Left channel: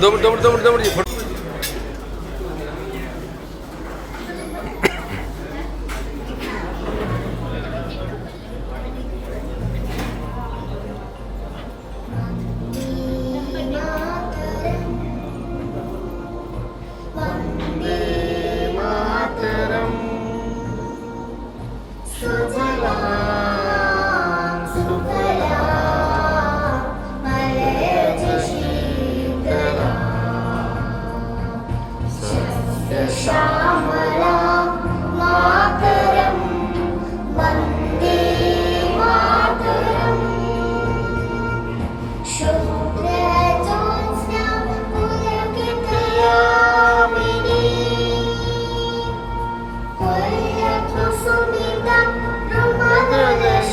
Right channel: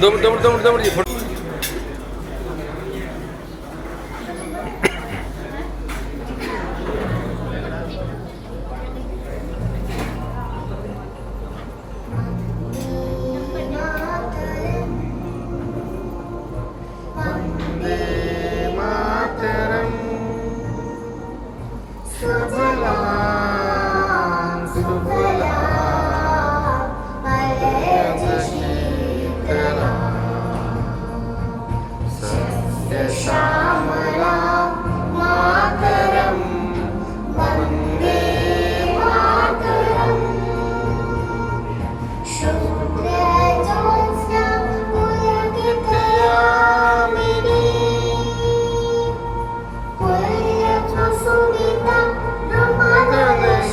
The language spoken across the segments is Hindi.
दो मिनट जी श्यामला मातरम वंदे मातरम शुक्लज्योत्स्ना पुलकितयामिनी पुल्यप्रसूनितं ब्रह्मज्ञानयोगिनी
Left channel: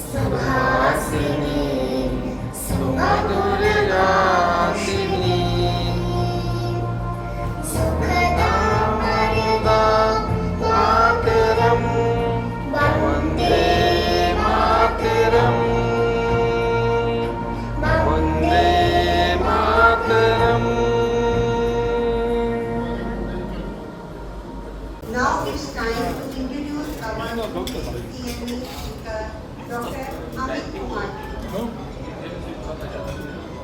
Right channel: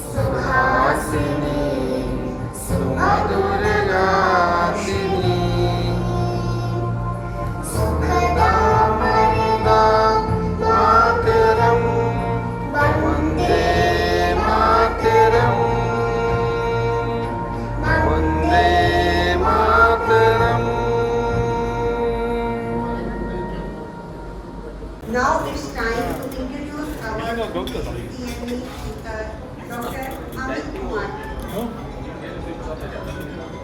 सुहासिनी सुमधुरगासिनी Now it's time to introduce our Dr. Amit Kumar.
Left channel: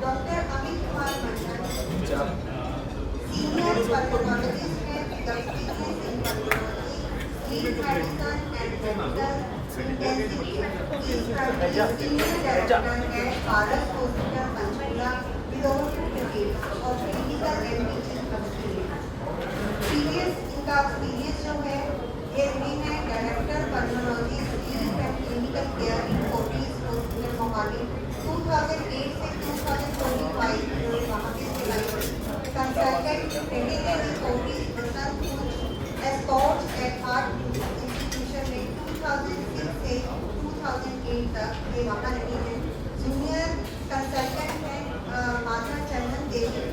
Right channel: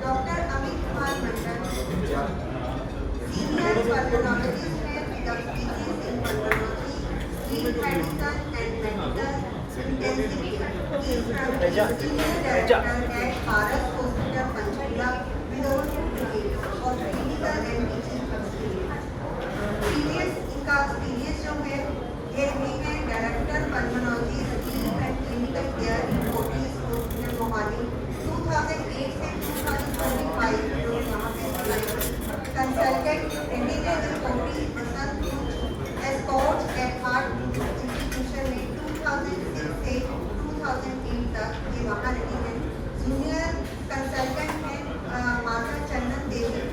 Dr. Amit Kumar Mandal, senior pulmonologist है, diabetes in pulmonology, sleep medicine and medical intensity. He is currently senior director at Paras Hospital, Panchkula, with over 50 years of clinical and teaching experience. इनका एक्सपीरियंस जो है ये रही है director pulmonology sleep and clinical care in Fortis hospital Mohali 2008 से 2025 जो यहाँ पे consultant editor in Fortis Basant Kunj Escorts at heart institution में 2006 से 2008 तक ये वहाँ रही है। जूनियर कंसल्टेंट है माता चंदन देवी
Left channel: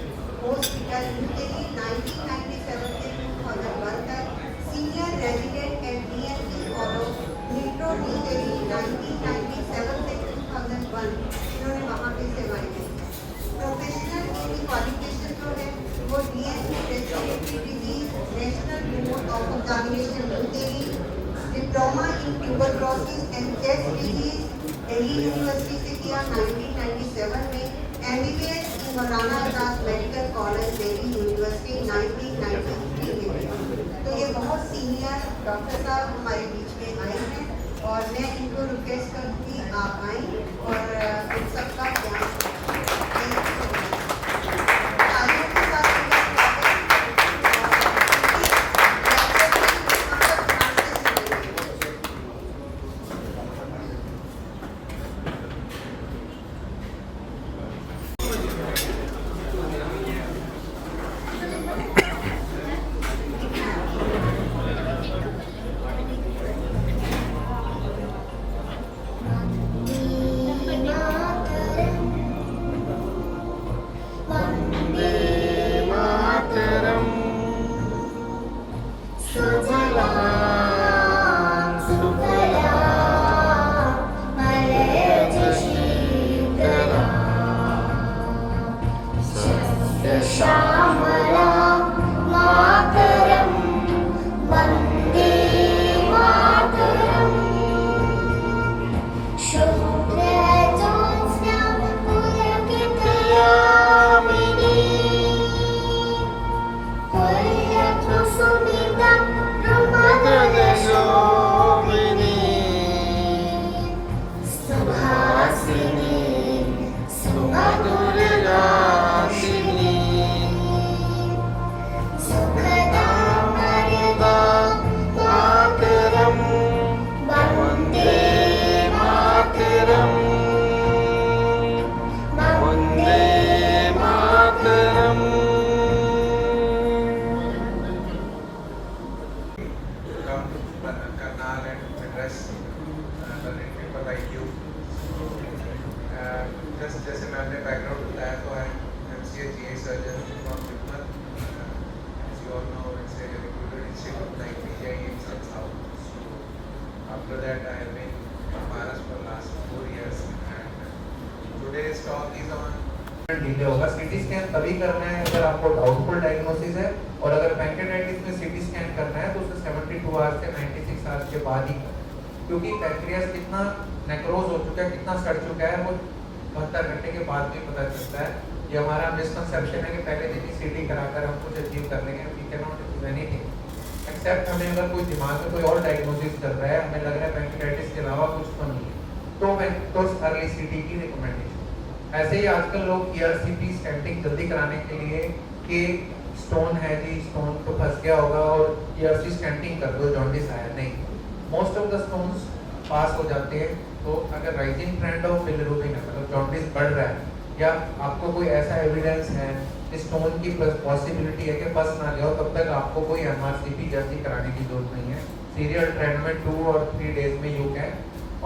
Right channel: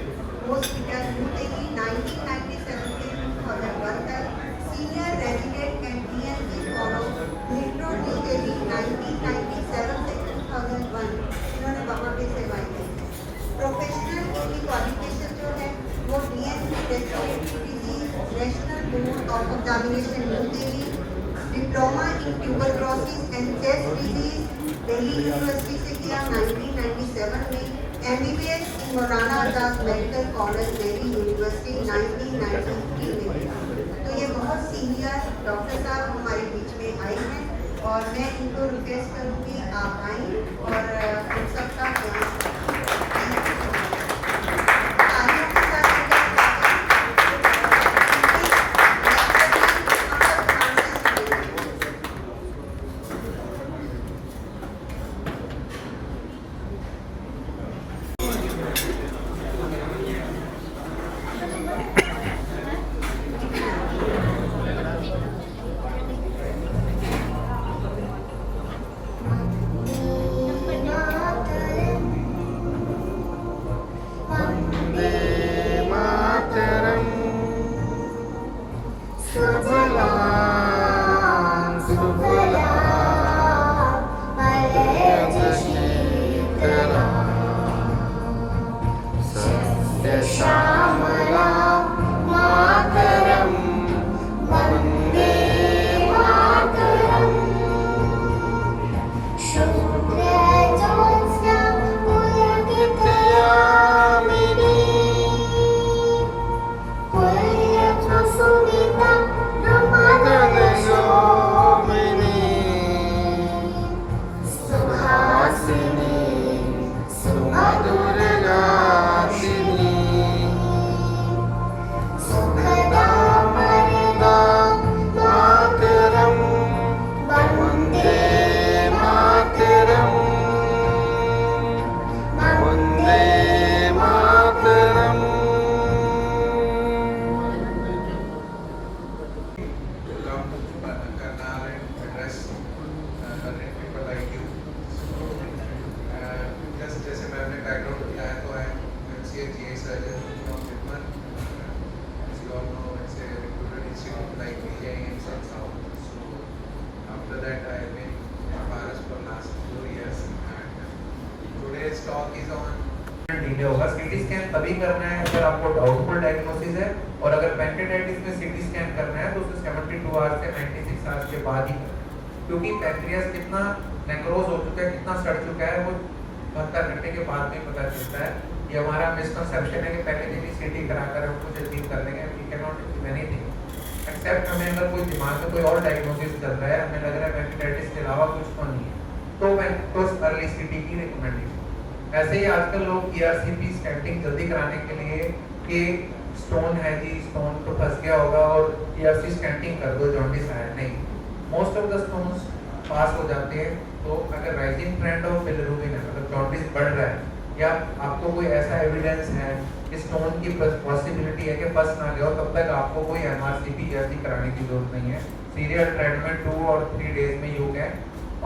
हॉस्पिटल न्यू दिल्ली 1997 से 2001 तक। Senior resident and DMC follow metro new Delhi 1997 से 2001 इन्होंने वहाँ पे सेवाएं दी। प्रोफेशनल की क्वालिफिकेशन जो है वो DMC respiratory disease national board of examination new Delhi, diploma in tuberculosis and chest disease Delhi university से किया 1997 में। MBBS in Maulana Azad medical college Delhi university 1993 में। तो ये बहुत सीनियर डॉक्टर साहब हमारे बीच में आए हैं और मैं इनको रिक्वेस्ट करूँगी आप आएँ और इन सबका ध्यान बाकी सब डिले होगा। सीटी स्कैन तभी करना है अगर आपको डाउटफुल डायग्नोसिस है, और अगर पैंक्रियाटाइटिस में सीटी स्कैन करना है तो उसे 72 आवर्स से 96 आवर्स के बाद ही करें, क्योंकि पैंक्रियास कितना नेक्रोज हो चुका है, कितना सड़ चुका है, वो 72 घंटे के बाद में पता चलता है। ये हमारा मिसकंसेप्शन है कि पहले दिन ही सीटी कराकर हम कुछ अचीव कर लेंगे। We can not achieve anything except हमें अगर कोई दिमाग में कोई और डायग्नोसिस चल रहा है, हमें लग रहा है पैंक्रियाटाइटिस के अलावा कुछ तो नहीं है, तो अर्ली सीटी की रिकमेंडेशन। ऐसे ही आजकल लोग ईआरसीपी स्टैटिंग जल्दी कराने के लिए कि स्टोन है जी, स्टोन तो फंस गया होगा और ईआरसी स्टैटिंग कर दो, जॉन्डिस आया नहीं, मोस्ट ऑफ द स्टोन्स पास हो जाते हैं। तो अगर राइजिंग ट्रेंड ऑफ बिलिरुबिन है, मतलब जॉन्डिस बढ़ रहा है, या आपको कोई ऐसा एविडेंस है कि स्टोन की पॉसिबिलिटी है कि फंस ना गया हो, तब तक आपको कोई एमआरसीपी ईआरसी कराने की जरूरत नहीं है। सीरियल ट्रेंड में 2 और 3 डेज में you can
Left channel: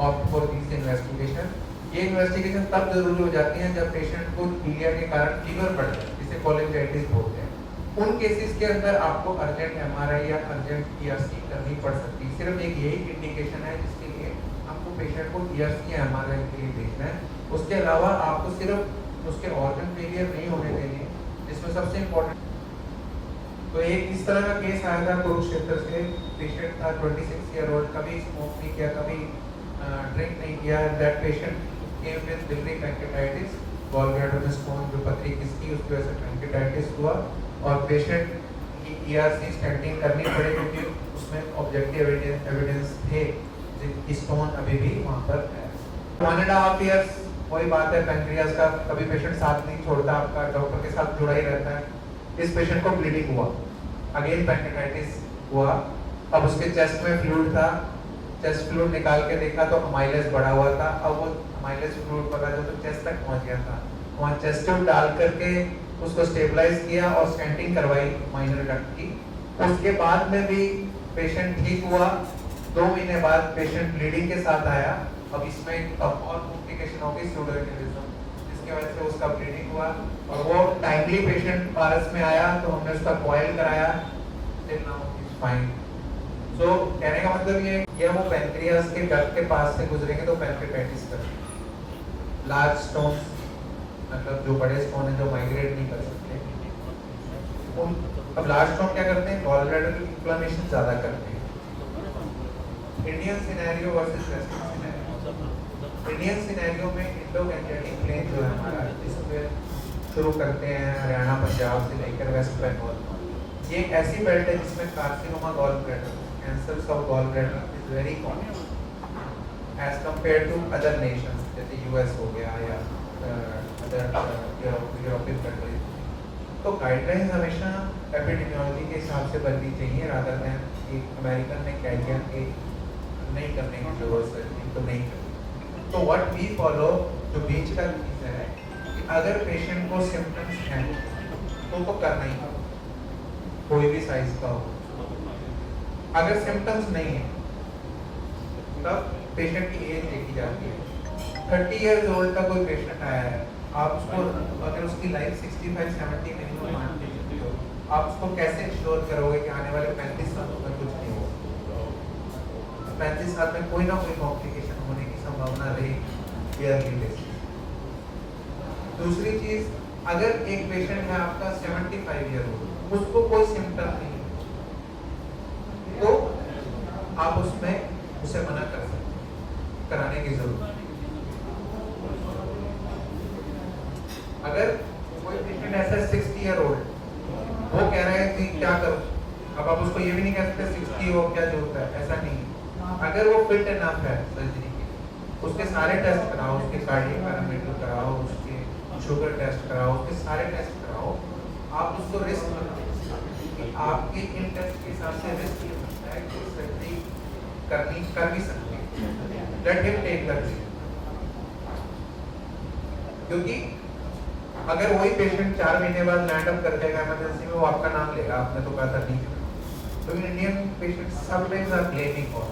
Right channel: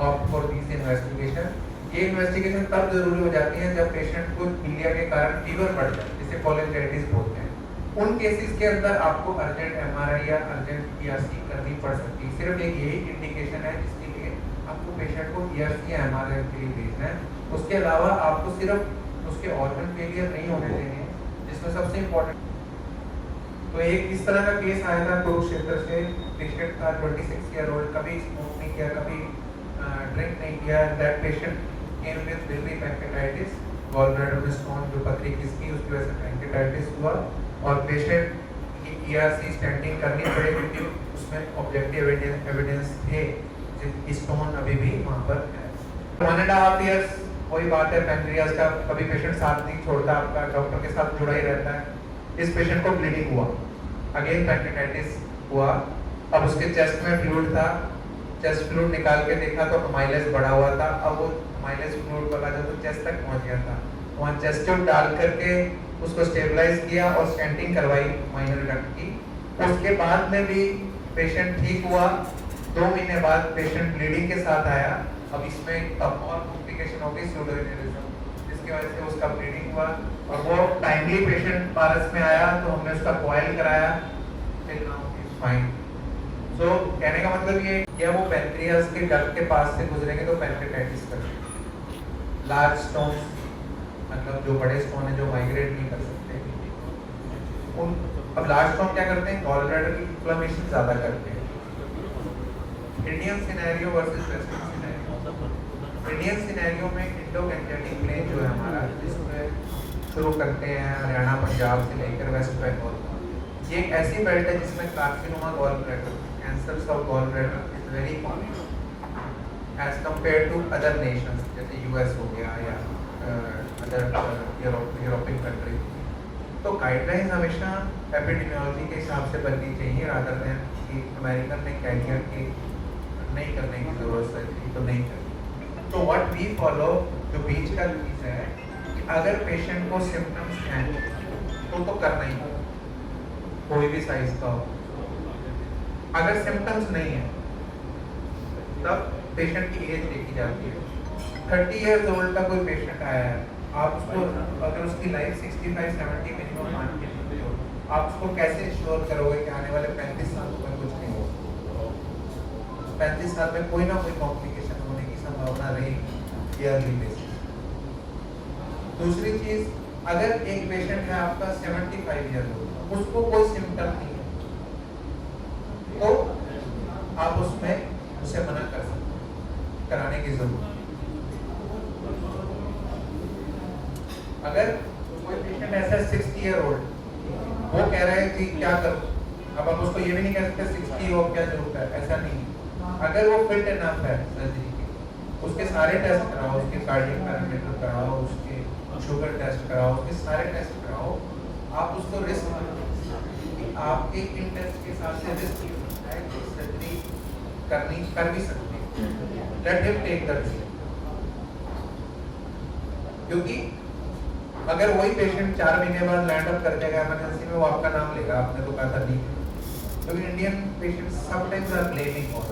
opt for this investigation. ये इन्वेस्टिगेशन तब जरूरी हो जाती है जब पेशेंट को पीलिया के कारण फीवर बढ़ जाए, जिसे कोलेंजाइटिस बोलते हैं। उन केसेस के अंदर आपको अर्जेंट एमआरआई या अर्जेंट ईआरसी करनी पड़ सकती है। सिर्फ एक यही इंडिकेशन है जिसके लिए आपको पेशेंट को ईआरसी या एमआरआई के लिए भेजना है। उसके अलावा आपको सिर्फ उसके ऑर्गन फेलियर नहीं होने देंगे, जिसमें सबसे इम्पोर्टेंट। तो एक इस तरह का केस आया था कुरुक्षेत्र से, पेशेंट था 26 ईयर ओल्ड, कभी स्मोक नहीं किया, कभी ड्रिंक नहीं किया। That patient came with biliary pancreatitis, gallbladder में स्टोन जो पथरी किसकी, उसकी वजह से pancreatitis हुआ, और पेशेंट की ईआरसी स्टैटिंग करनी पड़ी क्योंकि उसमें ऑब्जेक्टिव एविडेंस थे कि स्टोन अभी भी वहाँ पर है। 1.5 years वही बात है पैंक्रियास का, कभी पेशेंट साथ नहीं छोड़ता आपका, डॉक्टर के साथ जुड़ा ही रहता है। इस पेशेंट को ब्लीडिंग हुआ, अगेन पैंक्रेटाइटिस हुआ, अब उसके चेस्ट में फ्लूइड था, चेस्ट फ्लूइड निकाल के देखा तो अमाइलेज बढ़ा हुआ था। अब वो अमाइलेज फ्लूइड वाला जो चेस्ट तक पहुंच गया था, वहाँ चेस्ट ट्यूब डाल करके उसको स्टेबलाइज किया और स्टेंटिंग करवाई माइनर डक्ट की। उसके बाद में भी पेशेंट ठीक हुआ। 2 महीने बाद पेशेंट ब्लीडिंग के साथ आया। अब इसमें तब और कॉम्प्लिकेशन हो गई स्यूडोइटिज्म, जिसकी वजह से उसका ब्लीडिंग हुआ, और वो टाइमली पेशेंट पारस में आया तो हमने उसका कॉइल कराया, फिर नाउ इज फाइन। सो कहने का मतलब ये, या वो पैंक्रियास के डक्ट के पास से गुजरेंगे तो पैंक्रेटाइटिस करेंगे। लार्ज स्टोन, मतलब जो बड़े स्टोन है जो माइग्रेट नहीं कर सकते उन, अब लार्ज स्टोन क्या करते हैं, गॉलब्लैडर की इन्फ्लेमेशन ज्यादा करते हैं। Indian scenario versus western scenario. Indian scenario में इंडो-गैंजेटिक प्लेन जो है हमारा, जिसमें शुरू करते हैं हरियाणा पंजाब से लेकर वेस्ट बंगाल, ये एक ऐसी बेल्ट है जिसमें carcinoma gallbladder, cancers of gallbladder is very common as compare to other nations, जैसे यूएस हो गया या अदर यूरोपियन कंट्री। तो गाइडलाइंस हमेशा एपिडेमियोलॉजी के हिसाब से बननी चाहिए, रादर देन कि अमेरिकन ने कह दिया कि नहीं करने की जरूरत है तो नहीं करें। तो व्हाट वी फॉलो, जो बीच का चीज है कि अगर पेशेंट को सिम्टम्स हैं तो करना ही हो, कोई भी साइज का हो। अगर सिम्टम्स नहीं है तब पेशेंट की एज देखी जाती है। 30 इयर्स ओल्ड का कोई पेशेंट आया है, आप उसको, अगर उसकी लाइफ 65-70 मिनिमम मान के चलते हो, आप उसको कैसे श्योर करोगे कि आने वाले 35 सालों में कुछ नहीं होगा? 35 साल में कोई ना कोई कॉम्प्लिकेशन होने की संभावना रहेगी ईयरली बेसिस। दूसरी चीज, अगर एक पेशेंट है आपका 75 ईयर ओल्ड, उसको कोई सिम्टम नहीं है, तो आप उसमें उसे मना कर सकते हैं, कराने की जरूरत। अगर कोई पेशेंट ऐसा है 60 ईयर ओल्ड, वो कह रहा है कि क्या करूं, अब आप उसको ये भी नहीं कह सकते 60 हो क्या जरूरत है, ऐसा नहीं है। अगर वो फिट इनफ है सर्जरी के, उसके सारे टेस्ट कराओ, उसके कार्डियक पैरामीटर कराओ, उसके शुगर टेस्ट कराओ, उसके सारे टेस्ट कराओ, आप उसको रिस्क मत लीजिए। आपके इन टेस्ट के हिसाब से रिस्क है कि सर्जरी करनी कर भी सकते हैं, let him take the risk. क्योंकि अगर वही पेशेंट 4 महीने बाद लैंड अप कर जाएगा इमरजेंसी में, वो आपका नाम लेगा, आपने तो कहा था नहीं। तो Indian patients sometimes are blaming for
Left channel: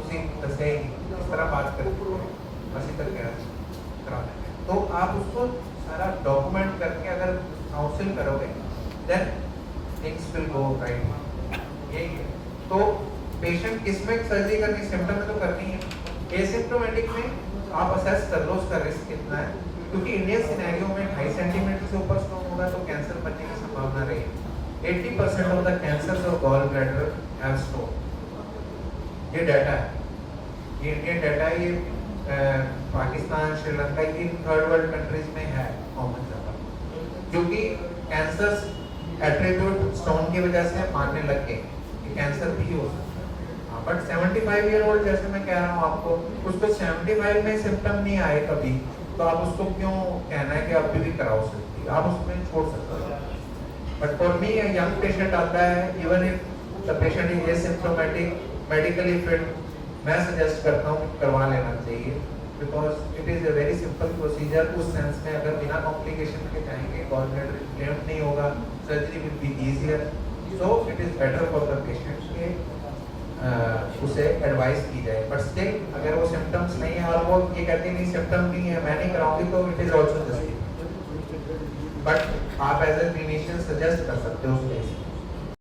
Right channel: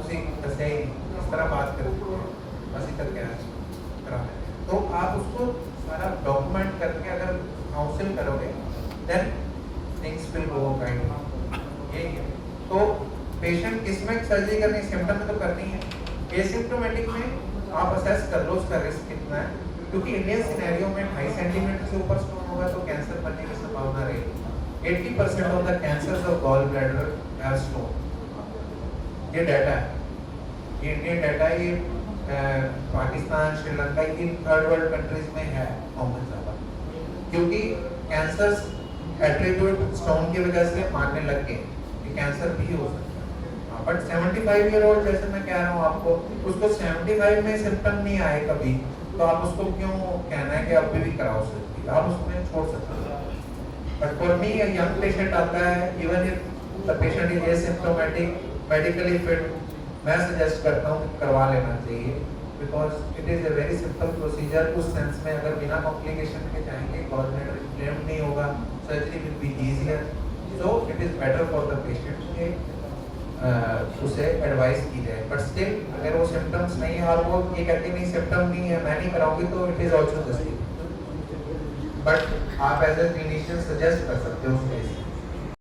उसी ऐसे इस तरह बात करते हैं, बस इधर क्या कराना है। तो आप उसको सारा डॉक्यूमेंट करके अगर काउंसिल करोगे then things will go right. यही है। तो पेशेंट किसमें सर्जरी करनी, सिम्टम में तो करनी है। एसिम्प्टोमेटिक में आप असेस कर लो उसका रिस्क कितना है, क्योंकि इंडियन सिनेरियो में 2.5 सेंटीमीटर से ऊपर स्टोन होगा तो कैंसर बनने की संभावना रहेगी। 80% ऑफ द कैंसर्स ऑफ गॉल ब्लैडर हैव स्टोन। ये डाटा है, ये इंडियन डाटा है, ये पाकिस्तान, श्रीलंका, इन थर्ड वर्ल्ड कंट्रीज में है कॉमन ज़्यादा, क्योंकि कैंसर्स एट्रीब्यूट स्टोन की वजह से मानने लग गए कि कैंसर भी हो सकता है। बट 75 ईयर ओल्ड, जैसे मैं कह रहा हूँ आपको, उसको 75 में सिम्टम नहीं आए कभी, तो आप उसको क्यों कहना है कि अभी भी कराओ सकती, आप उसमें छोड़ सकते हो। But for me young patient आता है, even if the patient is asymptomatic, medically fit, मैं सजेस्ट करता हूँ करवा लेना चाहिए, because it is a very simple procedure. उस सेंस में अगर बिना कॉम्प्लिकेशन के जाएंगे, गॉल ब्लैडर इन्फ्लेम्ड नहीं होगा, surgery will be easier, so it is better for the patient के उसे एडवाइस की जाए। बट स्टिल अगर वो सिम्टम्स नहीं है और वो ये कहते नहीं सिम्टम नहीं है मैं नहीं कराऊंगी, तो it is also justified, but आप एज ए क्लिनिशियन सजेस्ट कर सकते हो उस केस में।